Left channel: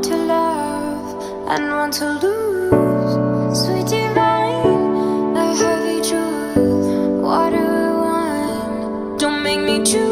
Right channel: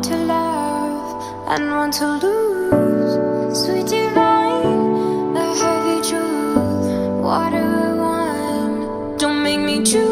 One to love and one to lose. Sweet divine, the heavy truth. Water or wine, don't make me choose.